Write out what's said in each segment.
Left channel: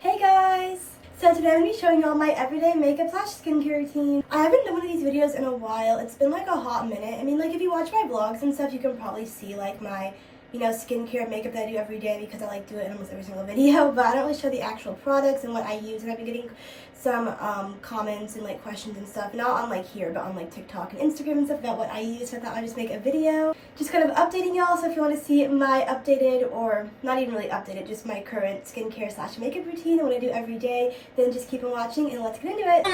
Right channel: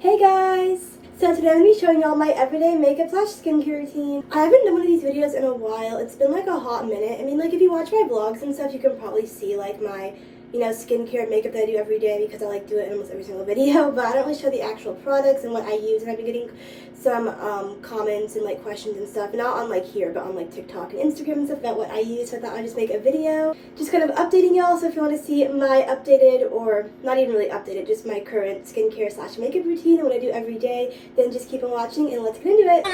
Hey guys! So today I'm going to be showing y'all my everyday makeup / skincare routine. I haven't done one of these videos in a while. It's been like a hot minute. I mean, like if you watch my vlogs and stuff, you can probably see like my, skincare and makeup that I do every day because I like do it in almost every single video, but I don't really show the actual products and what I use, and I've been getting some comments and like questions and stuff, not on like here, but on like TikTok and Instagram and stuff about what I use, so I thought I'd just make a video just kind of updating y'all. So if you want to see my updated, or not even really updated, just my current skincare / makeup routine and what I do every day, then just keep on watching and let's get into it.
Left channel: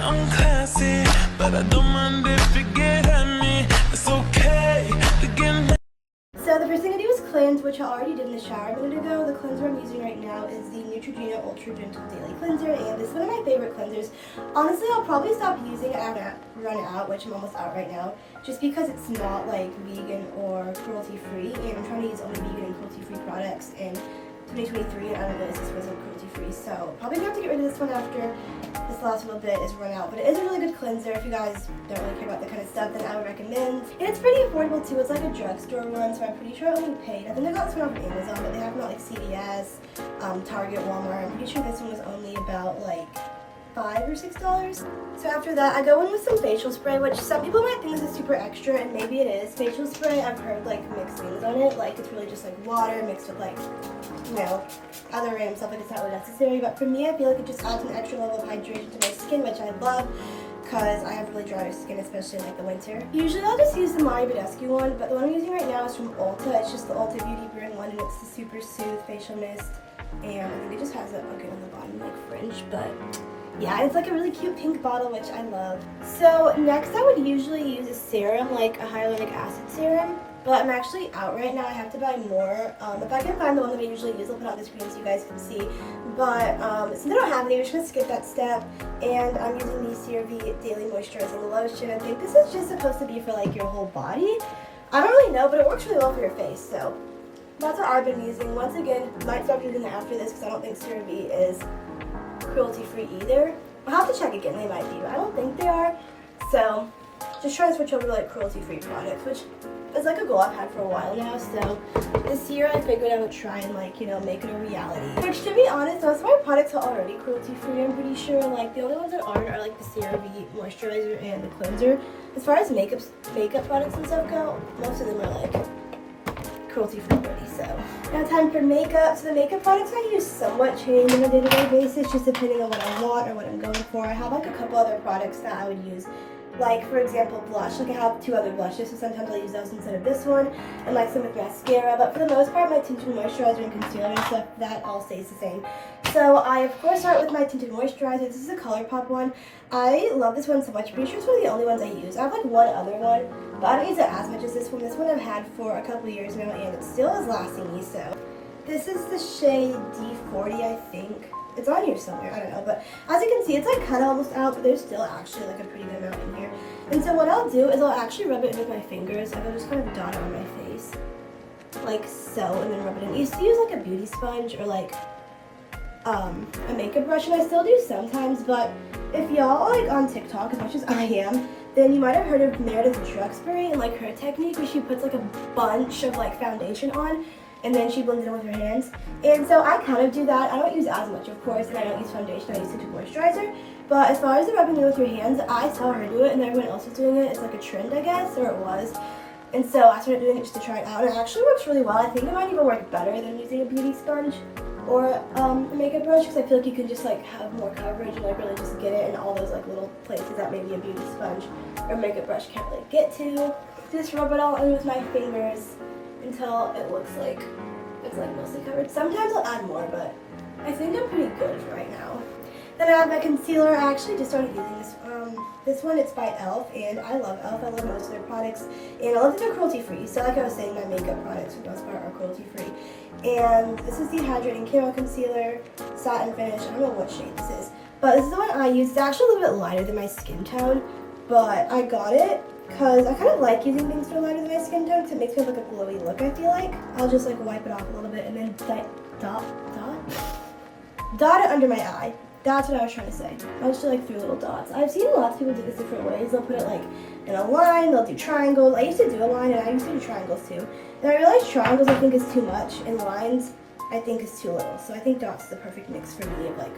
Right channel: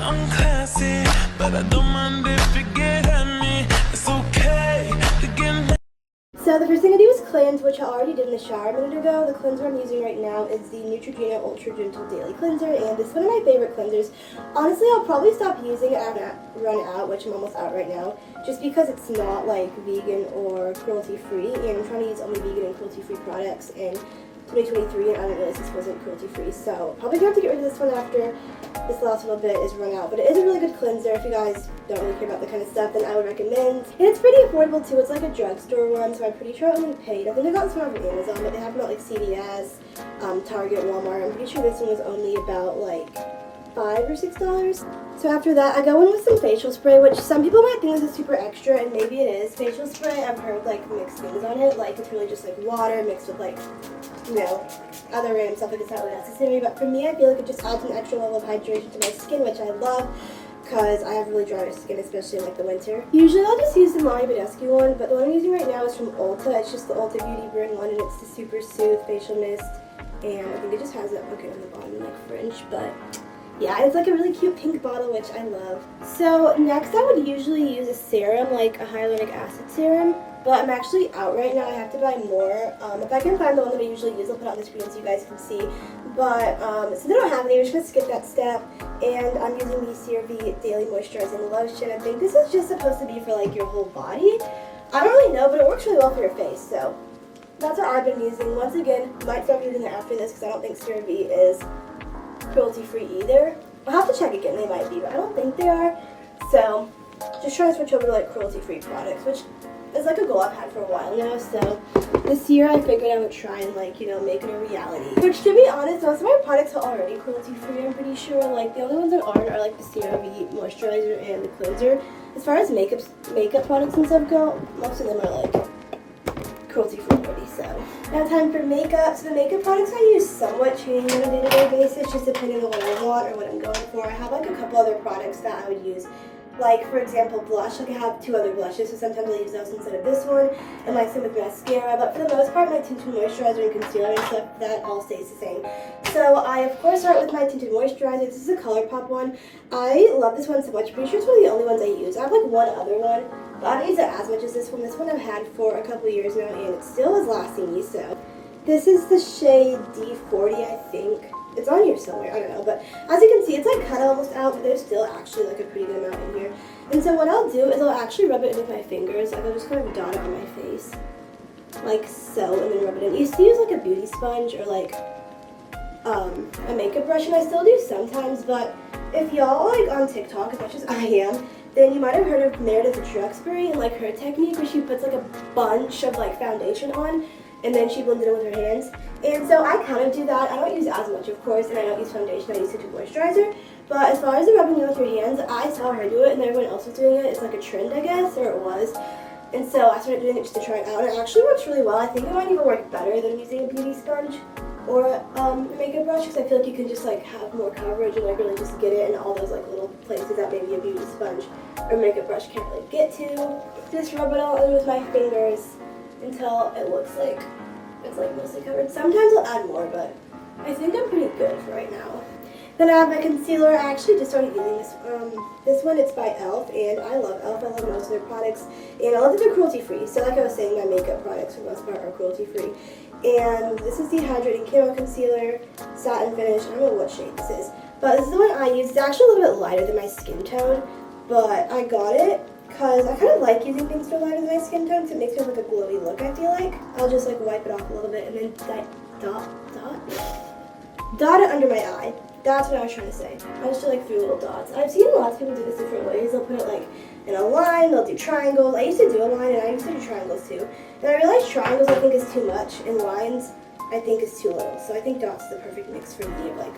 I'm classy, but I don't mind if you get at me. It's okay to get. So the first thing I do is cleanse, which I already did in the shower a minute ago. The cleanser I'm using right now is the Neutrogena Ultra Gentle Daily Cleanser, and this is one of my favorite cleansers. Honestly, I'll probably stop using it after I run out, which I'm almost out right now, just because it's not like vegan or cruelty-free, and I'm trying to use only vegan and cruelty-free products in 2023, and I don't realize this wasn't cruelty-free, so probably gonna have to get rid of this one after this last little bit is run out. But it is a really good cleanser. If you guys don't really care about the kind of stuff, then I would recommend. And it's pretty affordable too. It's like a drugstore one, so I'm pretty sure I only paid, I think I got this one off of Amazon, but they have them at like CVS, Target, Walmart. I'm pretty sure this one was only about like $5 or $6. So after that, I go in with some facial spray, which some people might think this is super extra, and maybe it is. Facial spray, I've heard like mixed things on it, like it's really just like water mixed with like, other random stuff, like it's not really necessary. But for me, I feel like it just adds an extra level of hydration to my skin, which I love, because I have really dry skin, especially in like the winter. Usually I'll just use the Mommy Badescu one, but the one I'm using right now is from Ulta. It's just the Ulta Beauty Brand one, and it's the Super Soothe Facial Mist, and I think it just has a bucket on the bottom, like fringe, but yeah, it's like a really cute pink bottle, which I love. So next I would usually use a serum, like a hyaluronic acid serum, but I'm actually out right now. I have to buy more. If I can find the one that I usually use, I'll put it on the screen so you guys can see. But since I don't have any, we're just going to skip that step. And I'm using the CeraVe Daily Moisturizing Lotion. I think this is just supposed to be for like your whole body. I don't really know, but it works really well for your face, so that's what I've been using. Once again, might stop using it after this because I don't think CeraVe is cruelty-free either. I'll have to check again, they might be, but I don't think they are. So just trying to switch over to like cruelty-free products, which is like a goal I've had for a while now. So this year I figured I would try and like, make it a reality. Which, to be honest, most of my products are already cruelty-free, I'm pretty sure. Like the only ones that aren't are like the CeraVe moisturizer and the cleanser. As far as makeup products and stuff go, most of them are like cruelty-free already. So now time for makeup. So the makeup products I use somewhat change on a day-to-day basis, just depending on what I want or what I'm going for. I have like a couple other products that I would use, like for example blush. Like I have 2 other blushes, so sometimes I use those instead of this one, and like some with mascara. But for the most part, my tinted moisturizer and concealer and stuff, that all stays the same. So I of course start with my tinted moisturizer. This is a ColourPop one. I love this one so much. I'm pretty sure it's one of the only ones I use. I have like one other one, but I don't use it as much as this one. This one I've had for a couple years now, and it still is lasting me. So this is the shade D40, I think. It's on here somewhere, I don't know. But as you can see, it's like kind of almost out, but there's still actually like a pretty good amount in here. And so what I'll do is I'll actually rub it in with my fingers. Like I'll just kind of dot it on my face, like so, and then rub it in. I used to use like a beauty sponge or like a makeup brush, and I still do sometimes. But if y'all are like on TikTok as much as I am, then you might have heard of Meredith Druxbury and like her technique where she puts like a bunch of like foundation on, and then she blends it in with her hands. And so I kind of do that. I don't use as much, of course, and I don't use foundation. I use tinted moisturizer. But as far as the rubbing it with your hands, I saw her do it, and everyone else was doing it. It's like a trend, I guess, or it was. And so I started doing it just to try it out, and it actually works really well. I think it might even work better than using a beauty sponge or a makeup brush, because I feel like you can just like have more coverage and like really just get it in all those like little places that maybe a beauty sponge or makeup brush can't really get to. Just rub it all in with my fingers until it looks like it's like mostly covered. Sometimes I'll add more, but I think I'm pretty good for right now. Then I have my concealer. I actually just started using this. This one, it's by e.l.f. and I love e.l.f. I love most of their products, and I love that they're cruelty-free. So like I was saying, my makeup products for the most part are cruelty-free. And this is the Hydrating Camo Concealer, Satin Finish. I don't know what shade this is, but this is the one I use. It's actually a little bit lighter than my skin tone, but I got it because I kind of like using things that are lighter than my skin tone because it makes me have like a glowy look, I feel like. I'll just like wipe it off a little bit and then dot it under my eye. That's what I was trying to say. I'll just do like 3 little dots. I've seen lots of people do this different ways. They'll put it like in a line, they'll do triangles. I used to do a line and I used to do triangles too. And I realized triangles I think is too much and lines I think is too little. So I think dots is the perfect mix for me of like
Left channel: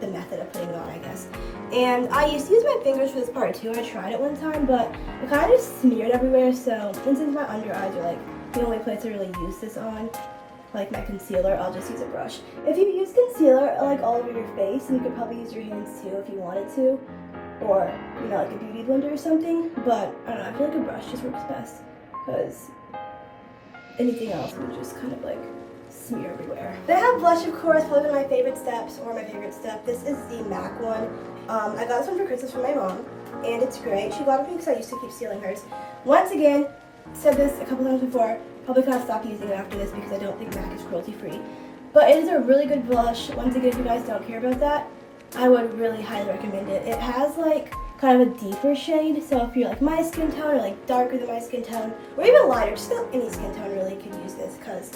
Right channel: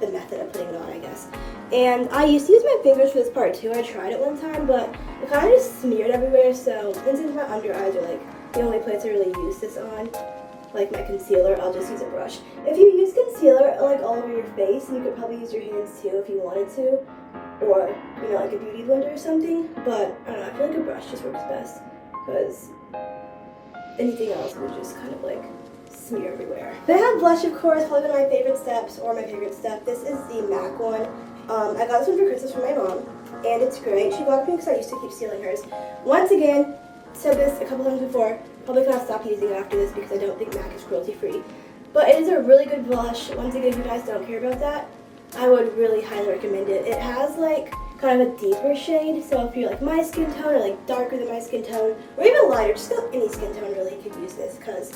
the method of putting it on, I guess. And I used to use my fingers for this part too. I tried it one time, but it kind of just smeared everywhere. So since my under eyes are like the only place I really use this on, like my concealer, I'll just use a brush. If you use concealer like all over your face, and you could probably use your hands too if you wanted to, or you know, like a beauty blender or something, but I don't know, I feel like a brush just works best because anything else would just kind of like smear everywhere. Then I have blush, of course, probably one of my favorite steps, or my favorite step. This is the MAC one. I got this one for Christmas from my mom, and it's great. She bought it for me because I used to keep stealing hers. Once again, said this a couple times before, probably gonna stop using it after this because I don't think MAC is cruelty free. But it is a really good blush. Once again, if you guys don't care about that, I would really highly recommend it. It has like kind of a deeper shade, so if you're like my skin tone or like darker than my skin tone, or even lighter, just about any skin tone really could use this because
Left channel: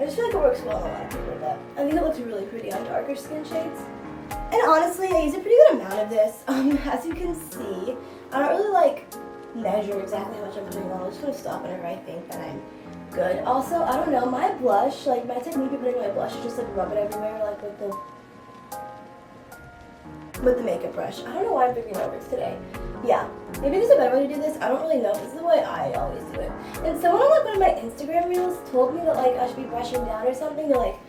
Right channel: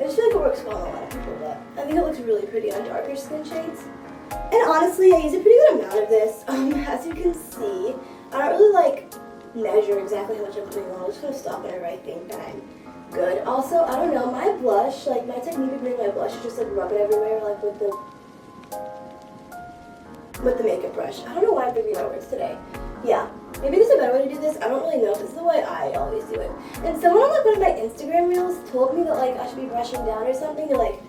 I just feel like it works well on a lot of people. But I think it looks really pretty on darker skin shades. And honestly, I use a pretty good amount of this. As you can see, I don't really like measure exactly how much I'm putting on. I'm just gonna stop whenever I think that I'm good. Also, I don't know, my blush, like my technique of putting my blush is just like rub it everywhere, like with the makeup brush. I don't know why I'm figuring out words today. Yeah, maybe there's a better way to do this. I don't really know. This is the way I always do it. And someone on like one of my Instagram reels told me that like I should be brushing down or something to like,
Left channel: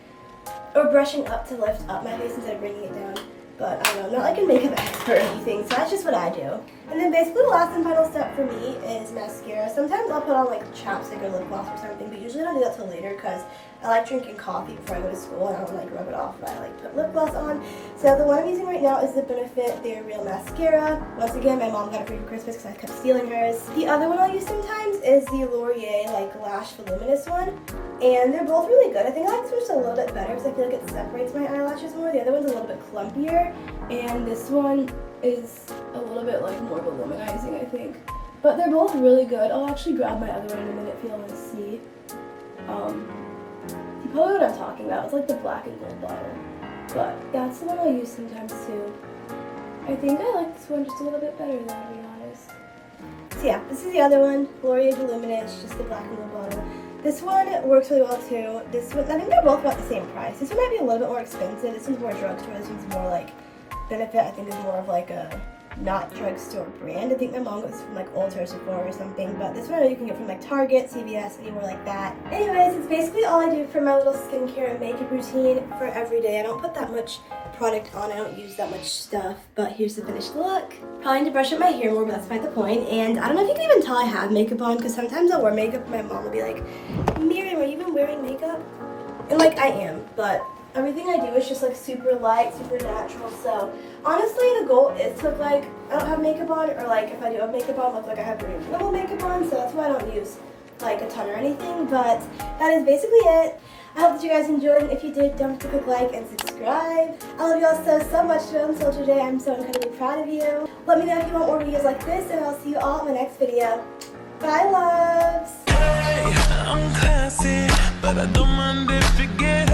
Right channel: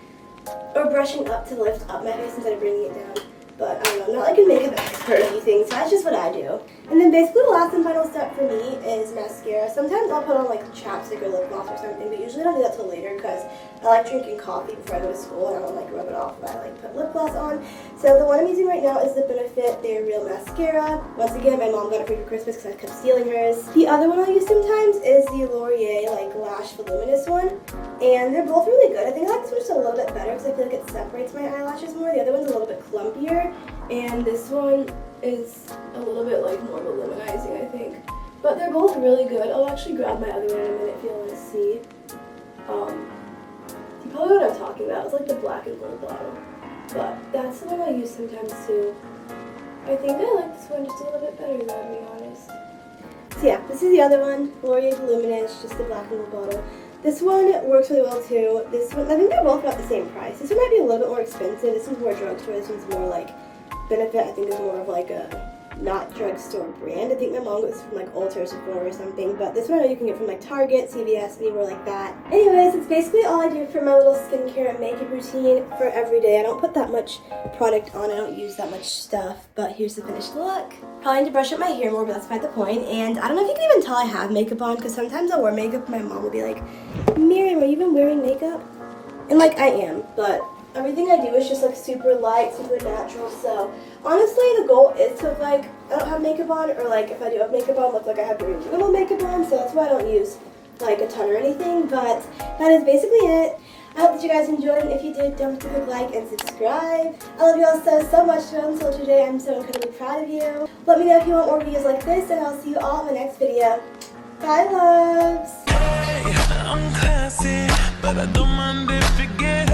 or brushing up to lift up my face instead of bringing it down. But I don't know, I'm not like a makeup expert or anything, so that's just what I do. And then basically the last and final step for me is mascara. Sometimes I'll put on like chapstick or lip gloss or something, but usually I don't do that till later because I like drinking coffee before I go to school and I don't like rub it off if I like put lip gloss on. So the one I'm using right now is the Benefit They're Real Mascara. Once again, my mom got it for me for Christmas because I kept stealing hers. The other one I'll use sometimes is the L'Oreal like Lash Voluminous one. And they're both really good. I think I like this one just a little bit better because I feel like it separates my eyelashes more. The other one's a little bit clumpier. And this one is a little bit like more voluminizing, I think. But they're both really good. I'll actually grab my other one in a minute if you want to see. You probably know what I'm talking about. It's like the black and gold bottle. But that's the one I use sometimes too. I think I like this one just a little bit better though, to be honest. So yeah, this is the other one. L'Oreal Voluminous, just the black and gold bottle. This one works really well too. This one, I think they're both about the same price. This one might be a little bit more expensive. This one's more drugstore. This one's more like Benefit. I think is more of like a not drugstore brand. I think my mom got this from like Ulta or Sephora or something. But this one I know you can get from like Target, CVS, anywhere like that. Anyways, it's basically all I do for my little skincare and makeup routine for every day. I don't put that much product on. I don't use that much stuff. But here's the finished look. Probably need to brush up my hair more, but that's not the point. And I don't know if you can even tell I have makeup on because sometimes I'll wear makeup and my mom will be like, Miriam, are you even wearing makeup? And like I am, but everything I do is just like super light, super natural. So honestly, the goal is to look like I don't have makeup on, or like if I do have makeup on, look like I have very minimal makeup on. So that's why I don't use like a ton or anything. But that is basically it. I hope that you guys enjoyed, and if you did, don't forget to click like and subscribe. I love you all so much so today. I'm so incredibly proud of you. Let me know if you want more videos like this, and I'll see you all in my next video. Bye, loves! Hey, I'm classy, but I don't mind if you get